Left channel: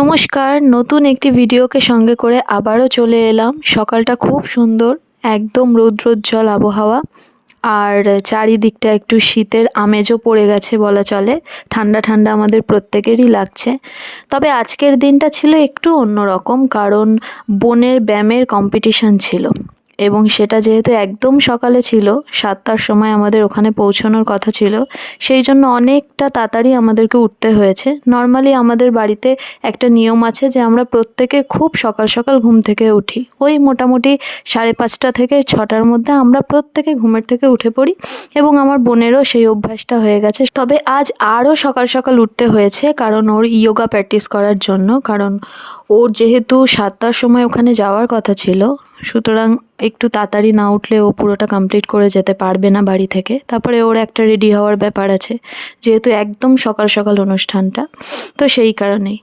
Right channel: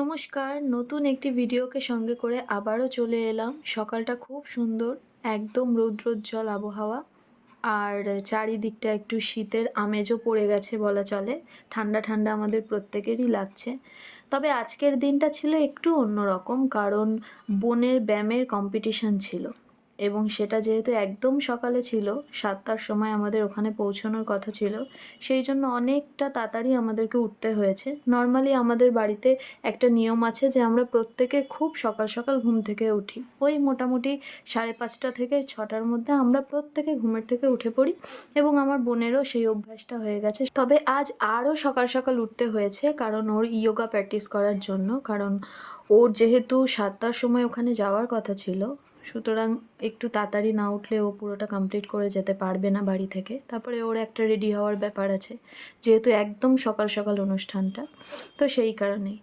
নমস্কার, নতুন একটি ভিডিওকে সঙ্গে করে আবারও চলে এলাম। সকালটা খুব সুন্দর, একদম রৌদ্রোজ্জ্বল আবহাওয়া। আর চারিদিকটা একটু শীতের আমেজও পড়ে গেছে বলা চলে। ঠান্ডা ঠান্ডা আমাদের প্রত্যেকেরই লাগছে। তবে আজকের দিনটা ছিল একটু অন্যরকম, কারণ বোনের ব্যায়ামের কম্পিটিশন ছিল এবং সেটা যেহেতু একদম সকালে ছিল, 7টার সময় আমাদের ওখানে পৌঁছানোর কথা ছিল, সেই জন্য অনেকটা তাড়াতাড়ি আমাদেরকে উঠতে হয়েছে। নর্মালি আমাদের বাড়িতে একটা নিয়ম আছে যে আমরা প্রত্যেকে খুব সকাল সকাল ঘুম থেকে উঠি। ওই মোটামুটি 5:30 থেকে 6টার মধ্যে আমরা প্রত্যেকে ঘুমের থেকে উঠে পড়ি এবং আমার বোনেরও সেই অভ্যাসটা হয়ে গেছে। তবে আজ আরও সকাল সকাল উঠতে হয়েছে, কারণ ওর ইয়োগা প্র্যাকটিস করার জন্য। কারণ ওর যেহেতু 7টার সময় ওখানে যাওয়ার কথা ছিল, সুতরাং একটু তাড়াতাড়ি না উঠলে ও পুরোটা কমপ্লিট করে যেতে পারবে না বাড়ি থেকে। তারপরে ওর একটা রেডি হওয়ার ব্যাপার আছে, যেহেতু একদম সকাল সকাল অনুষ্ঠানটা, তো সেই কারণেই।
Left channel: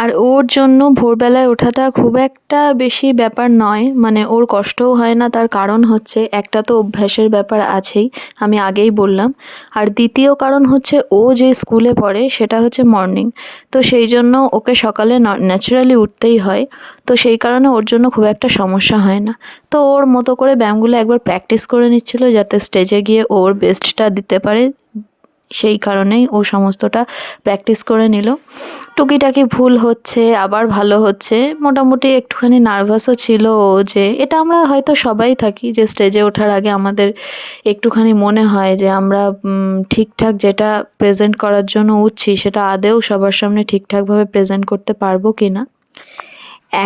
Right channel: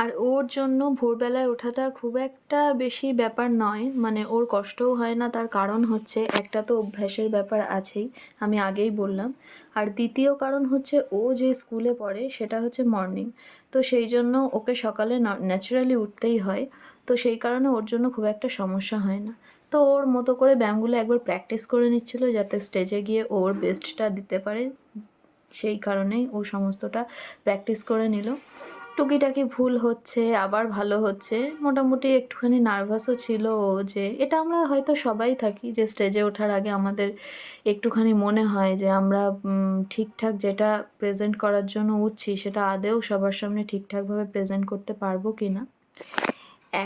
আর ওর জন্য ভোরবেলায় ওঠাটা খুব একটা বেশি ব্যাপার নয়, মানে ওর কষ্টও হয় না। তার কারণ হচ্ছে, একটা তো অভ্যাসের ব্যাপার আছেই, আমি আগেই বললাম। আর দ্বিতীয় কারণ হচ্ছে, ও যে স্কুলে পড়ে সেটা হচ্ছে মর্নিং, তো সেই জন্য ওকে সকালে ন্যাচারালি উঠতেই হয়। তো সেই কারণে ওর জন্য খুব একটা সমস্যা হয় না। তো ওর মতো করে ব্যায়ামগুলো একবার প্র্যাকটিস করে নিচ্ছিল, যাতে স্টেজে গিয়ে ওর বেস্টটা দিতে পারে। সেই কারণেই ও সমস্তটা প্র্যাকটিস করে নিল। টুকিটাকি ভুল হচ্ছে, আবার ভালো হচ্ছে। মোটামুটি একটুখানি নার্ভাসও ছিল ও, যে এটা আমরা হয়তো সবাই থাকি, যে স্টেজে ওঠার আগে আমাদের একটুখানি মনে হয় যে আমরা ঠিকঠাক যেটা প্রেজেন্ট করার জন্য উঠছি সেটা আদৌ সবার সামনে ঠিকঠাকভাবে প্রেজেন্ট করতে পারবো কি না।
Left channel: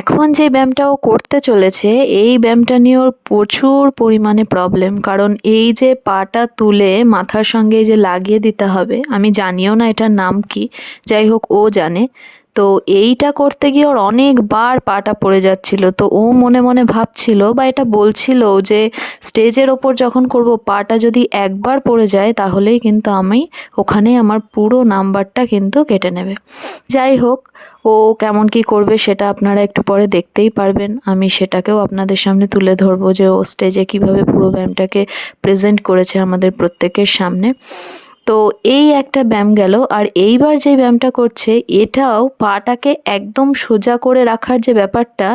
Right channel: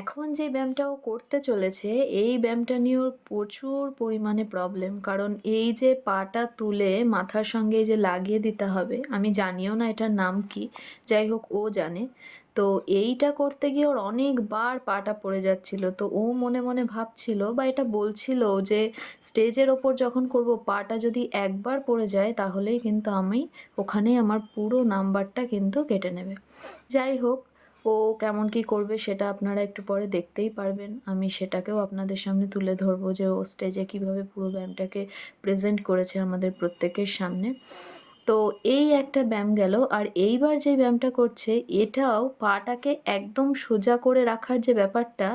এখন যে ব্যায়ামটা ও করতে চলেছে, এই ব্যায়ামটা নিয়ে ওর প্রচুর পরিমাণে প্রবলেম। কারণ এই যে পাটা তুলে মাথার সঙ্গে এই যে লাগিয়ে দিতে হবে, আমি জানিও না এটার নাম কি, যাই হোক ও জানে। তো এইটা করতে গিয়ে ওর অনেকবার পাটা পড়ে যাচ্ছিল। তো ও মনে মনে ভাবছিল বা এটা বলছিল যে স্টেজের ওপর যখন করব, পাটা যদি একবার পড়ে যায় তাহলেই কিন্তু আমি ওখানেই আমার পুরো নাম্বারটা কিন্তু কেটে নেবে। যাই হোক, ও কেমন কি করবে সেটা আপনারা একটু পরে দেখতেই পারবেন। আমি সেটাকেও আপনাদের সামনে তুলে ধরবো, যে ও স্টেজে কিভাবে পুরো ব্যায়ামটাকে প্রেজেন্ট করেছে আমাদের প্রত্যেকের সামনে। তো এই একটা ব্যায়াম গেল। আর এইবার যে ব্যায়ামটা করছে, এটাও পাটাকে একদম সোজা করে রাখার যে ব্যাপারটা,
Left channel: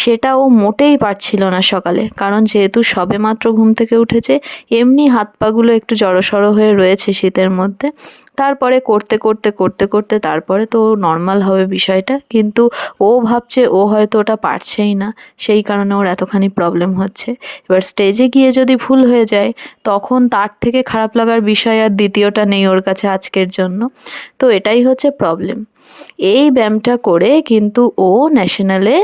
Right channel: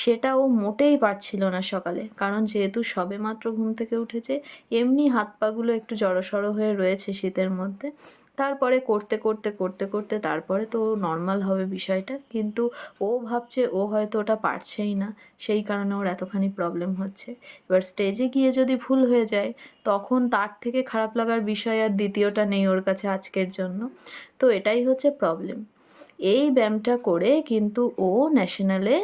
সেটা ও মোটেই পারছিল না সকালে। কারণ যেহেতু সবেমাত্র ঘুম থেকে উঠেছে, এমনি হাত পাগুলো একটু জড়সড় হয়ে রয়েছে শীতের মধ্যে। তারপরে করতে করতে করতে করতে তারপরে তো নর্মাল হবে বিষয়টা, কিন্তু ও ভাবছে ও হয়তো ওটা পারছেই না, সেই কারণে ওর এতখানি প্রবলেম হচ্ছে। এবার স্টেজে গিয়ে যদি ভুল হয়ে যায়, তখন তার থেকে খারাপ লাগার বিষয় আর দ্বিতীয়টা নেই ওর কাছে আজকের জন্য। তো এটাই হচ্ছে প্রবলেম। এই ব্যায়ামটা করে কিন্তু ও ন্যাশনালে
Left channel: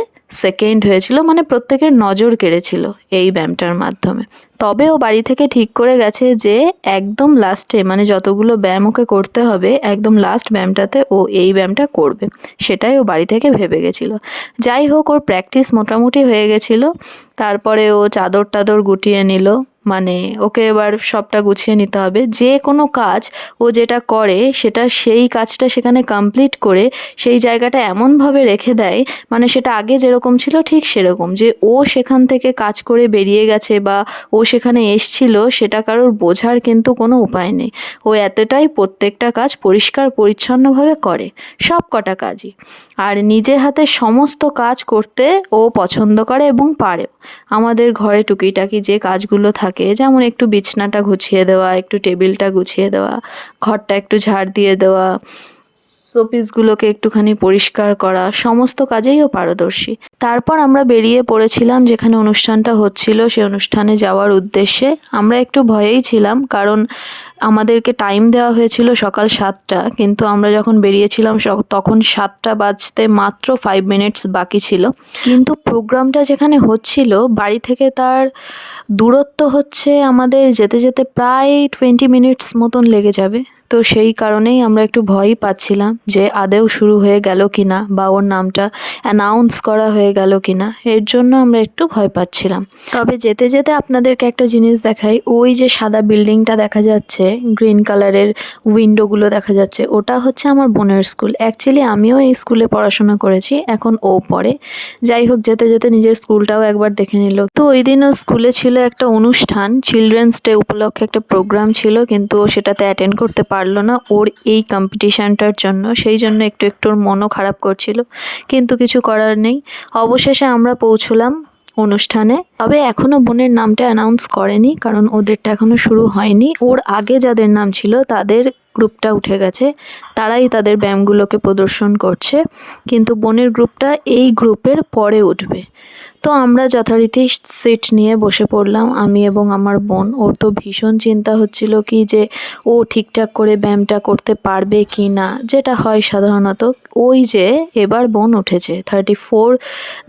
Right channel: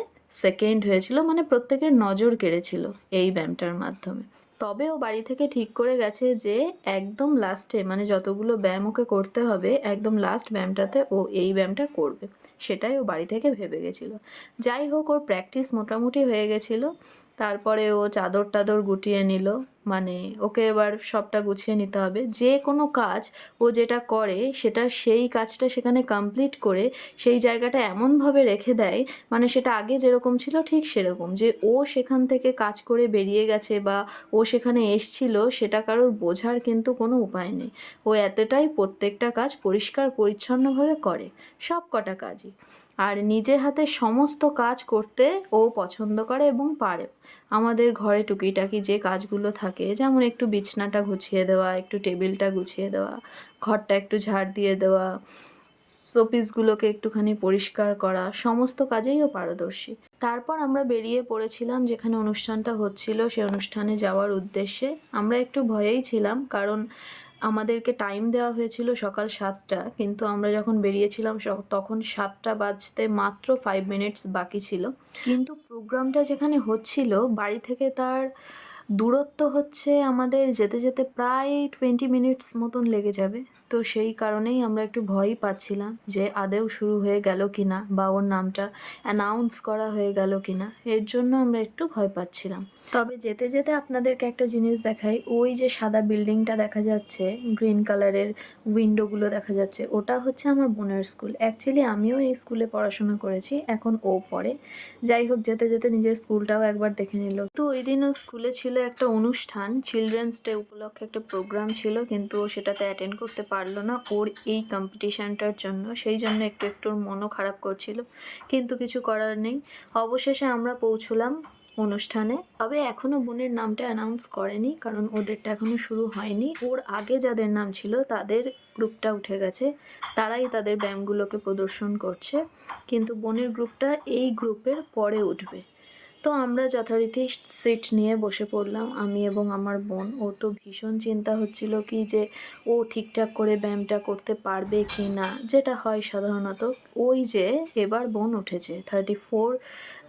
সেকেন্ড হয়েছিল, মানে প্রত্যেকের নজর কেড়েছিল এই ব্যায়ামটার মাধ্যমে। তবে ও বাড়ি থেকে ঠিক করে গেছে যে একদম লাস্টে, মানে যতগুলো ব্যায়াম ওকে করতে হবে, একদম লাস্ট ব্যায়ামটাতে ও এই ব্যায়ামটা করবে, সেটাই ও বাড়ি থেকে ভেবে গেছিলো। যাই হোক, ওর প্র্যাকটিস মোটামুটি হয়ে গেছিলো। তারপরে ও চাদর টাদর গুটিয়ে নিল, মানে ওকে এবার সবটা গুছিয়ে নিতে হবে। যে কোনো কাজ ও যেটা করে, সেটা সেই কাজটা সেখানে কমপ্লিট করে সেই জায়গাটা এমনভাবে রেখে দেয়, মানে সেটা আগে যেরকম ছিল ঠিক সেরকম, যে ও সেখান থেকে কাজ করে বেরিয়ে গেছে বা ও সেখানে এসছিল সেটা কারোর বোঝার কিন্তু কোনো উপায় নেই। ও এতটাই প্রত্যেকটা কাজ পরিষ্কার পরিচ্ছন্নভাবে করে, সব কটা কাজই। আর নিজে হাতে সমস্ত কাজ করতে ও পছন্দ করে এবং পারেও। আমাদের ঘরে টুকিটাকি যে কাজগুলো থাকে, যেমন একটু বিছনাটা গুছিয়ে দেওয়া, একটু টেবিলটা গুছিয়ে দেওয়া, ঘরটা একটু ঝাড় দিয়ে দেওয়া, শোপিসগুলোকে একটুখানি পরিষ্কার করা, সমস্ত কাজেই ও পারদর্শী। তারপর আমরা বেরিয়ে পড়েছিলাম যেখানে অনুষ্ঠানটা হচ্ছিল, সেই অনুষ্ঠানে যাওয়ার উদ্দেশ্যে। আমরা একটু ভয়েই ছিলাম, কারণ আমাদেরকে টাইম দেওয়া হয়েছিল সকাল 7টা, কিন্তু আমরা যখন বেরিয়েছিলাম তখন 7টা বাজতে মাত্র 5 মিনিটস বাকি ছিল। কিন্তু প্রোগ্রামটা যেখানে হচ্ছিল, বাড়ি থেকে তার দূরত্ব হচ্ছে আমাদের যেতে যেতে প্রায় 20 মিনিটস মতন লেগে যাবে। তো সেই কারণেই আমরা একটু ভয়ই পাচ্ছিলাম যে আদৌ শুরু হয়ে গেল কি না, বা ওর নামটা অ্যানাউন্স করা হয়ে গেল কি না, এর জন্য আমরা একটু ভয় পাচ্ছিলাম। তবে যেতে যেতে আপনাদেরকে একটা জিনিস দেখাই, ওই যে সাদা বিল্ডিংটা দেখা যাচ্ছে, গ্রিন কালারের উইন্ডোগুলো দেখা যাচ্ছে, ওটা হচ্ছে আমার বোনের স্কুল। অ্যাকচুয়ালি আমিও এই স্কুলে পড়াশোনা করেছি, এখন ও পড়ে। যাই হোক, যেতে যেতে নিজের স্কুলটাও একবার দেখে নিল। তো ওই দিনও স্কুলে ছিল একটা অনুষ্ঠান, চিলড্রেন্স ডে উপলক্ষে একটা প্রোগ্রাম ছিল, কিন্তু ও সেটাতে অ্যাটেন্ড করতে পারল পারলো না ওর এই কম্পিটিশানটার জন্য, সেই জন্য একটু একটু ওর মনও খারাপ করছিল, কিন্তু কিছু করার নেই। অবশেষে আমরা পৌঁছলাম অনুষ্ঠানে। তবে এখনও বোনের নামটা অ্যানাউন্স করেনি, কারণ ওদেরটা এখনও শুরু হয়নি। ওর আগে যাদের নাম ছিল তাদের গ্রুপটা উঠে গেছে, তারাই তাদের ব্যায়ামগুলোকে প্রদর্শন করছে, কিন্তু বোনের গ্রুপটা এই গ্রুপের পরে উঠবে। তো আমরা যথারীতি সিট নিয়ে বসে পড়লাম, আমি এবং আমার বোন। ওর তো ভীষণ চিন্তা হচ্ছিল কি যে ও ঠিকঠাক করে ব্যায়ামটা করতে পারবে কি না, যেটা হয় সাধারণত। ওই যে এবার বোন উঠেছে, 34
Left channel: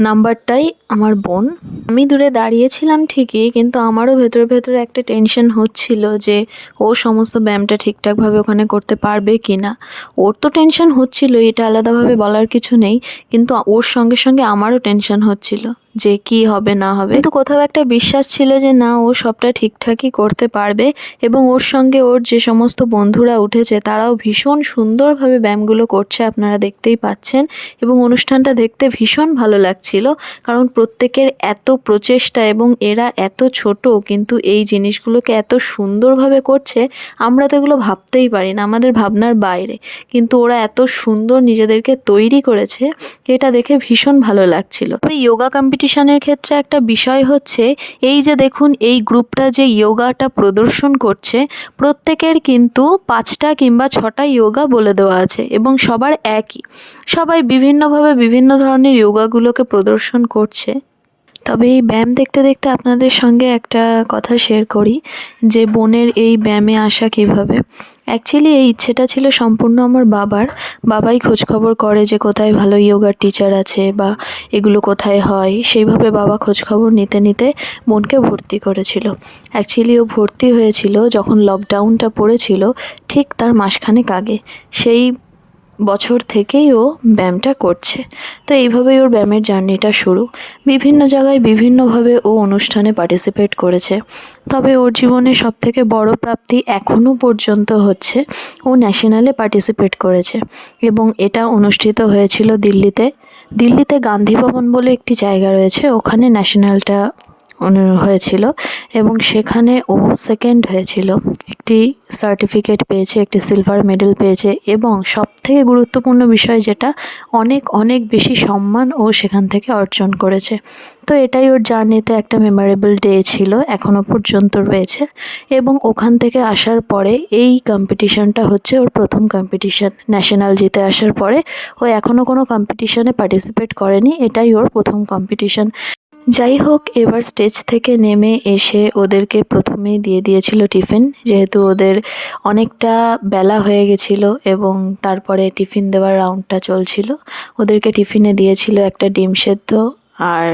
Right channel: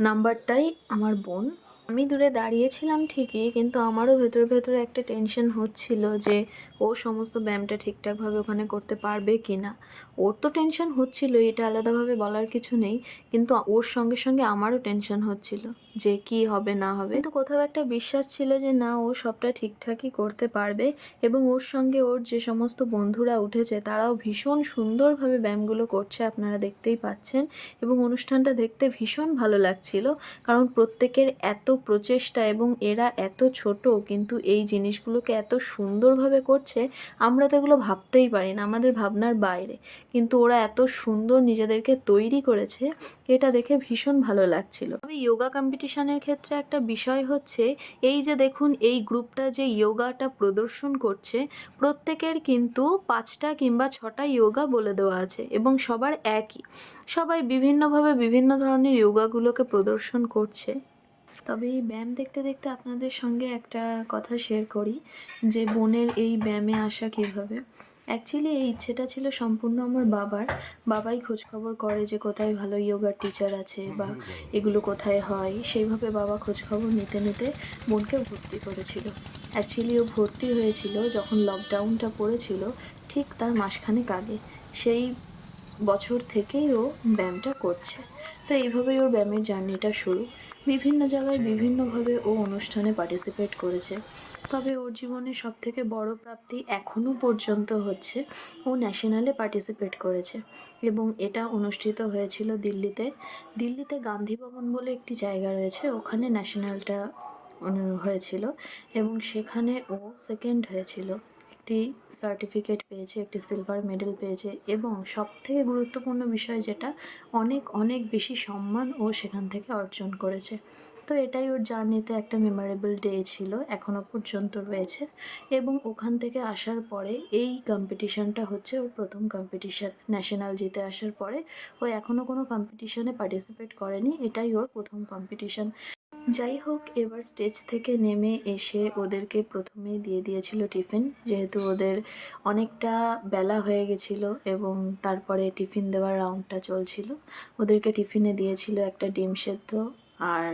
নাম্বারটাই আমার বোন। আমি দূরে দাঁড়িয়েছিলাম ঠিকই, কিন্তু আমারও ভেতরে ভেতরে একটা টেনশন হচ্ছিল যে ও সমস্ত ব্যায়ামটা ঠিকঠাকভাবে ওখানে করতে পারবে কি না। ওর তো টেনশন হচ্ছিল, এটা আলাদাভাবে বলার কিছু নেই, কিন্তু ওর সঙ্গে সঙ্গে আমারও টেনশন হচ্ছিল যে কি হবে না হবে। কিন্তু কোথাও একটা বিশ্বাস ছিল যে না, ও সবটা ঠিকঠাকই করতে পারবে। এবং ওর সঙ্গে ওর যে সমস্ত বন্ধুরা উঠেছে তারাও ভীষণ সুন্দরভাবে ব্যায়ামগুলো করছে, আপনারা দেখতেই পাচ্ছেন। এবং অনুষ্ঠানটা দেখতে ভীষণ ভালো লাগছিল, কারণ প্রত্যেকের এত প্রচেষ্টা এবং এরা এত ছোট কিন্তু এই জিনিসগুলোকে এত সুন্দরভাবে করছে, আমরা তো এগুলো ভাবতেই পারি না, আমাদের ভাবনার বাইরে। কিন্তু ওরা এত সুন্দর নিজেদেরকে তৈরি করেছে, এটা দেখে ভীষণ ভালো লাগছিল। তবে যোগা কম্পিটিশনের ক্ষেত্রে একটা বিষয় হচ্ছে এই যে দেখুন, এই গ্রুপটা যে যোগাটা প্রদর্শন করছে, প্রত্যেকের কিন্তু 5টা কিংবা 6টা যোগা বলে দেওয়া আছে এবং সবার একই। সবাই বিভিন্নভাবে বিভিন্ন ধরনের যোগাগুলোকে প্রদর্শন করছে। তবে এই ব্যায়াম দেখতে দেখতে আপনাদের সঙ্গে একটা কথা শেয়ার করি যে বোনের এই ব্যায়ামে আসা কীভাবে। অ্যাকচুয়ালি এই ইচ্ছেটা ছিল সম্পূর্ণ আমার বাবাই খোঁজখবর করে যে কোথায় ভালো যোগার টিচার আছে বা এগুলো কোথায় হয়, সেইভাবে বাবা খোঁজখবর নিতে নিতে বোনকে ভর্তি করেছিল। অ্যাকচুয়ালি ও ভর্তি হয়েছিল যখন লকডাউনটা পড়েছিল, ঠিক তার মাসখানেক আগে। সেই বছর থেকেই ও ব্যায়ামটা করছে। তো এইভাবেই ওর ব্যায়ামের জার্নিটা শুরু। বিভিন্ন জায়গায় বিভিন্নভাবে ও অনুষ্ঠানে পার্টিসিপেট করেছে। তবে ওর জীবনে সবথেকে বড় প্রাপ্তি এখনও পর্যন্ত হচ্ছে ও ন্যাশনালে পার্টিসিপেট করেছে, এবং এটা অনুষ্ঠিত হয়েছিল দিল্লিতে গান্ধী ভবন বলে একটি জায়গা রয়েছে, ওখানে ন্যাশনালটা হয়েছিল এবং সেখানে ও সেকেন্ড হয়েছিল। একটি সার্টিফিকেট পেয়েছে, একটি সিলভার মেডেল পেয়েছে, এবং সবথেকে গুরুত্বপূর্ণ বিষয় যেটা, অনেক অনেক বেশি সম্মান ও সেখান থেকে অর্জন করেছে। তো এটাই ওর জার্নিতে একটা মেমোরেবল ডে ছিল, এখনও পর্যন্ত রয়েছে। এবং ওখান থেকে আসার পরে এই কম্পিটিশানটা হচ্ছে ওর প্রথম কম্পিটিশান। ন্যাশনাল জিতে আসার পরে ও এখনও কোনো কম্পিটিশানে পার্টিসিপেট করেনি, এটাই ওর প্রথম কম্পিটিশান। যাই হোক, এবার স্টেজ থেকে নেমে এসে ওদেরকে প্রথমেই দিয়ে দিয়েছিল টিফিন, যেহেতু ওদের অনেকটা বেলা হয়ে গেছিলো এবং তারপরে টিফিন দেওয়ার রাউন্ডটা চলছিল। ওদেরকে টিফিনে দিয়েছিল একটা ডিম সেদ্ধ আর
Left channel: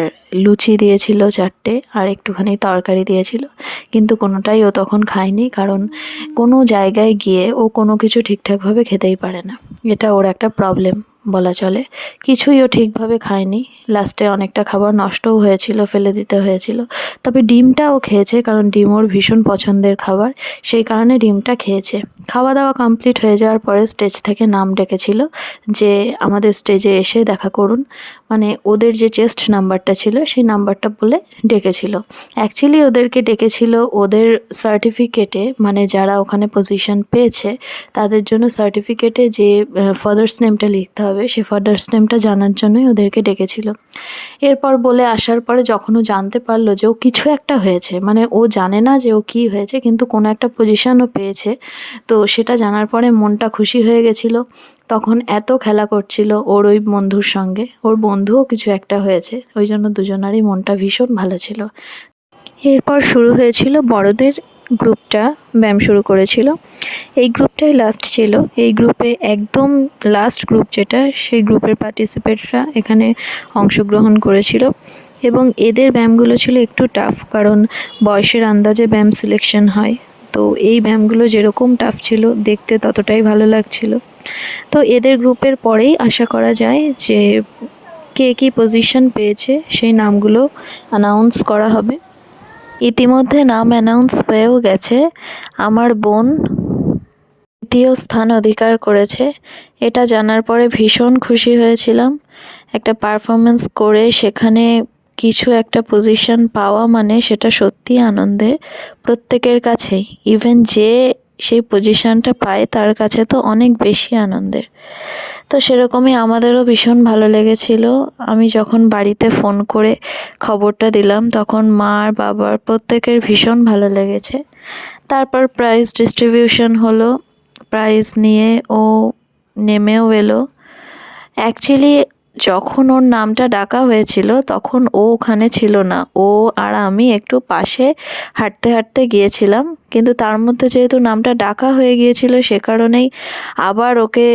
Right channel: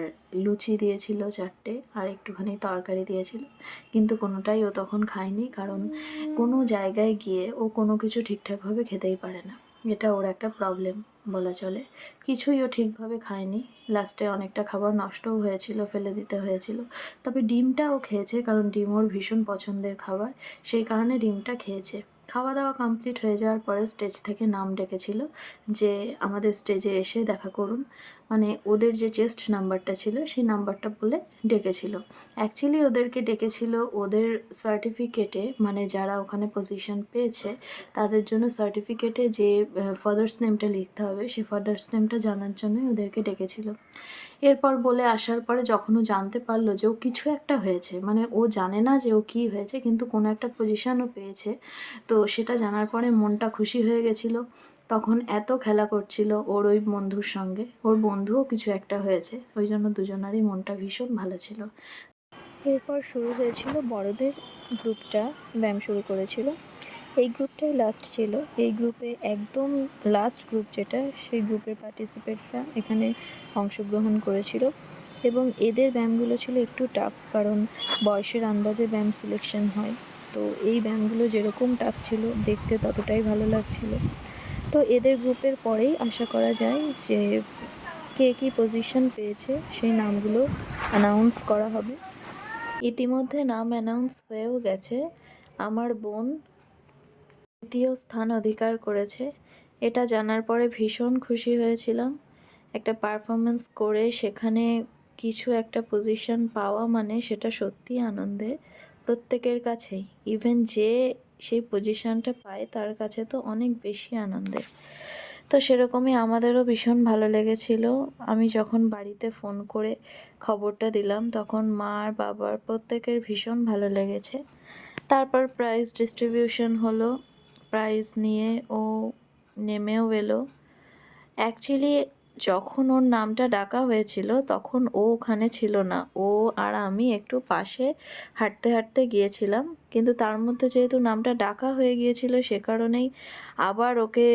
লুচি দিয়েছিল 4টে, আর একটুখানি তরকারি দিয়েছিল, কিন্তু কোনোটাই ও তখন খায়নি, কারণ কোনো জায়গায় গিয়ে ও কোনো কিছু ঠিকঠাকভাবে খেতেই পারে না। এটা ওর একটা প্রবলেম বলা চলে। কিছুই ও ঠিকভাবে খায়নি, লাস্টে অনেকটা খাবার নষ্টও হয়েছিল, ফেলে দিতে হয়েছিল। তবে ডিমটা ও খেয়েছে, কারণ ডিম ওর ভীষণ পছন্দের খাবার, সেই কারণে ডিমটা খেয়েছে। খাওয়া দাওয়া কমপ্লিট হয়ে যাওয়ার পরে স্টেজ থেকে নাম ডেকেছিল যে আমাদের স্টেজে এসে দেখা করুন, মানে ওদের যে চেস্ট নাম্বারটা ছিল সেই নাম্বারটা বলে ডেকেছিল। অ্যাকচুয়ালি ওদেরকে ডেকেছিল ওদের সার্টিফিকেটে, মানে যারা ওখানে পজিশন পেয়েছে তাদের জন্য সার্টিফিকেটে যে ফাদার্স নেমটা লিখতে হবে, সেই ফাদার্স নেমটা জানার জন্যই ওদেরকে ডেকেছিল। এরপর বলে আসার পরে যখন ও জানতে পারলো যে ও কিছু একটা হয়েছে, মানে ও জানে না যে ও কী হয়েছে, কিন্তু কোনো একটা পজিশনও পেয়েছে, তো সেটা জানার পরে মনটা খুশি হয়ে গেছিলো। তখন এত খেলা করছিল ওর ওই বন্ধুর সঙ্গে, ওর বন্ধুও কিছু একটা হয়েছে, ওই জন্য দুজনারই মনটা ভীষণ ভালো ছিল। এরপর শুরু হয়েছিল বড়দের গ্রুপটা ব্যায়াম শুরু করেছিল। এই গ্রুপটাই লাস্ট ছিল। এই গ্রুপে একদম লাস্ট গ্রুপ যেটা, সেই গ্রুপের পার্টিসিপেটরা এখানে অংশগ্রহণ করেছিল, এবং এদের ব্যায়ামগুলো ছিল একটু টাফ, কারণ বয়সের আন্দাজে ব্যায়াম সিলেকশন হয়। তো এই ব্যায়ামগুলো যেরকম টাফ ছিল, দেখতে ততটাই ভালো লাগছিল। তো এদের গ্রুপের পরেই আশা করা যায় যে কে কী পজিশন পেয়েছে সেই নামগুলো অ্যানাউন্স করা হবে। ইতিমধ্যে নাম অ্যানাউন্স হয়েও গেছে। আমার বোন 3য় স্থান অধিকার করেছে, এটা জানার পরে ভীষণ খুশি হয়েছিলাম। একটা পারফরমেন্স করে সেখানে কিছু একটা পজিশন পাওয়া মানে সেটা সত্যিই আনন্দের প্রত্যেকের কাছেই। ইভেন যে সেই পজিশনটা পায় তার কাছে তো অনেক বেশি আনন্দের। তো সেরকমই আমাদেরও ভীষণ ভালো লেগেছিল। আমি যখন বাড়িতে ফোন করে খবরটা দিলাম তখন মা আর বাবার প্রত্যেকের ভীষণ ভালো লেগেছে। তারপর প্রাইজ ডিস্ট্রিবিউশন হলো, প্রাইজ নিয়ে ও নেমেও এলো। অ্যাকচুয়ালি যখন ওর নামটা ডাকা হয়েছিল তখন ও ওখানে ছিল না, ও আর আমি একটু পাশে হাঁটতে হাঁটতে গিয়েছিলাম, কিন্তু তার মধ্যে যেহেতু নামটা ডাকা হয়ে গিয়েছিল সে কারণেই আবার ওকে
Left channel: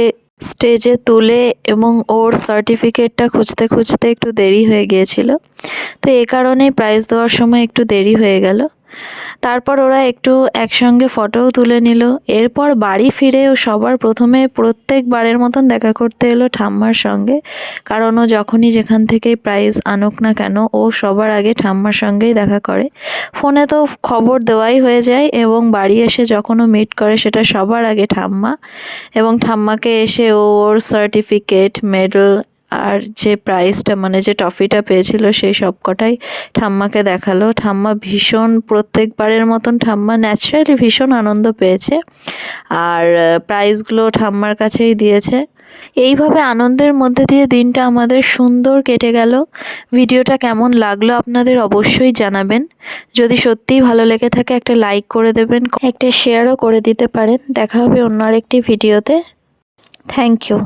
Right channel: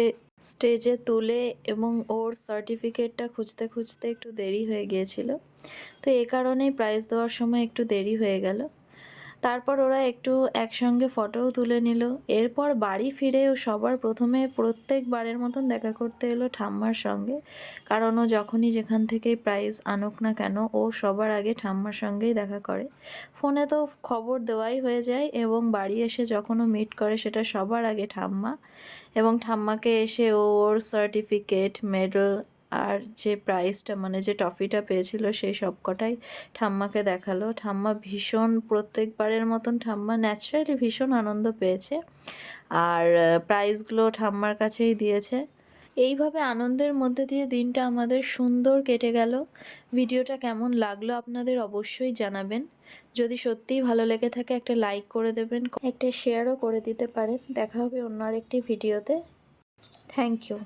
স্টেজে তুলে এবং ওর সার্টিফিকেটটা খুঁজতে খুঁজতে একটু দেরি হয়ে গিয়েছিল। তো এই কারণেই প্রাইজ দেওয়ার সময় একটু দেরি হয়ে গেল। তারপর ওরা একটু একসঙ্গে ফটোও তুলে নিল। এরপর বাড়ি ফিরে ও সবার প্রথমে প্রত্যেকবারের মতন দেখা করতে এলো ঠাম্মার সঙ্গে, কারণ ও যখনই যেখান থেকেই প্রাইজ আনুক না কেন ও সবার আগে ঠাম্মার সঙ্গেই দেখা করে। ফোনে তো খবর দেওয়াই হয়ে যায় এবং বাড়ি এসে যখন ও মিট করে সেটা সবার আগে ঠাম্মা, এবং ঠাম্মাকে এসে ওর সার্টিফিকেট, মেডেল আর যে প্রাইজটা মানে যে ট্রফিটা পেয়েছিল সেই সব কটাই ঠাম্মাকে দেখালো। ঠাম্মা ভীষণ, প্রত্যেকবারের মতন ঠাম্মা ন্যাচারালি ভীষণ আনন্দ পেয়েছে আর প্রাইজগুলো ঠাম্মার কাছেই দিয়েছে। এইভাবে আনন্দের মধ্যে দিয়ে দিনটা আমাদের সুন্দর কেটে গেল। ভিডিওটা কেমন লাগলো আপনাদের অবশ্যই জানাবেন। যদি সত্যিই ভালো লেগে থাকে একটা লাইক করে দেবেন, একটা শেয়ারও করে দিতে পারেন। দেখা হবে অন্য আরেকটি ভিডিওতে। Thank you.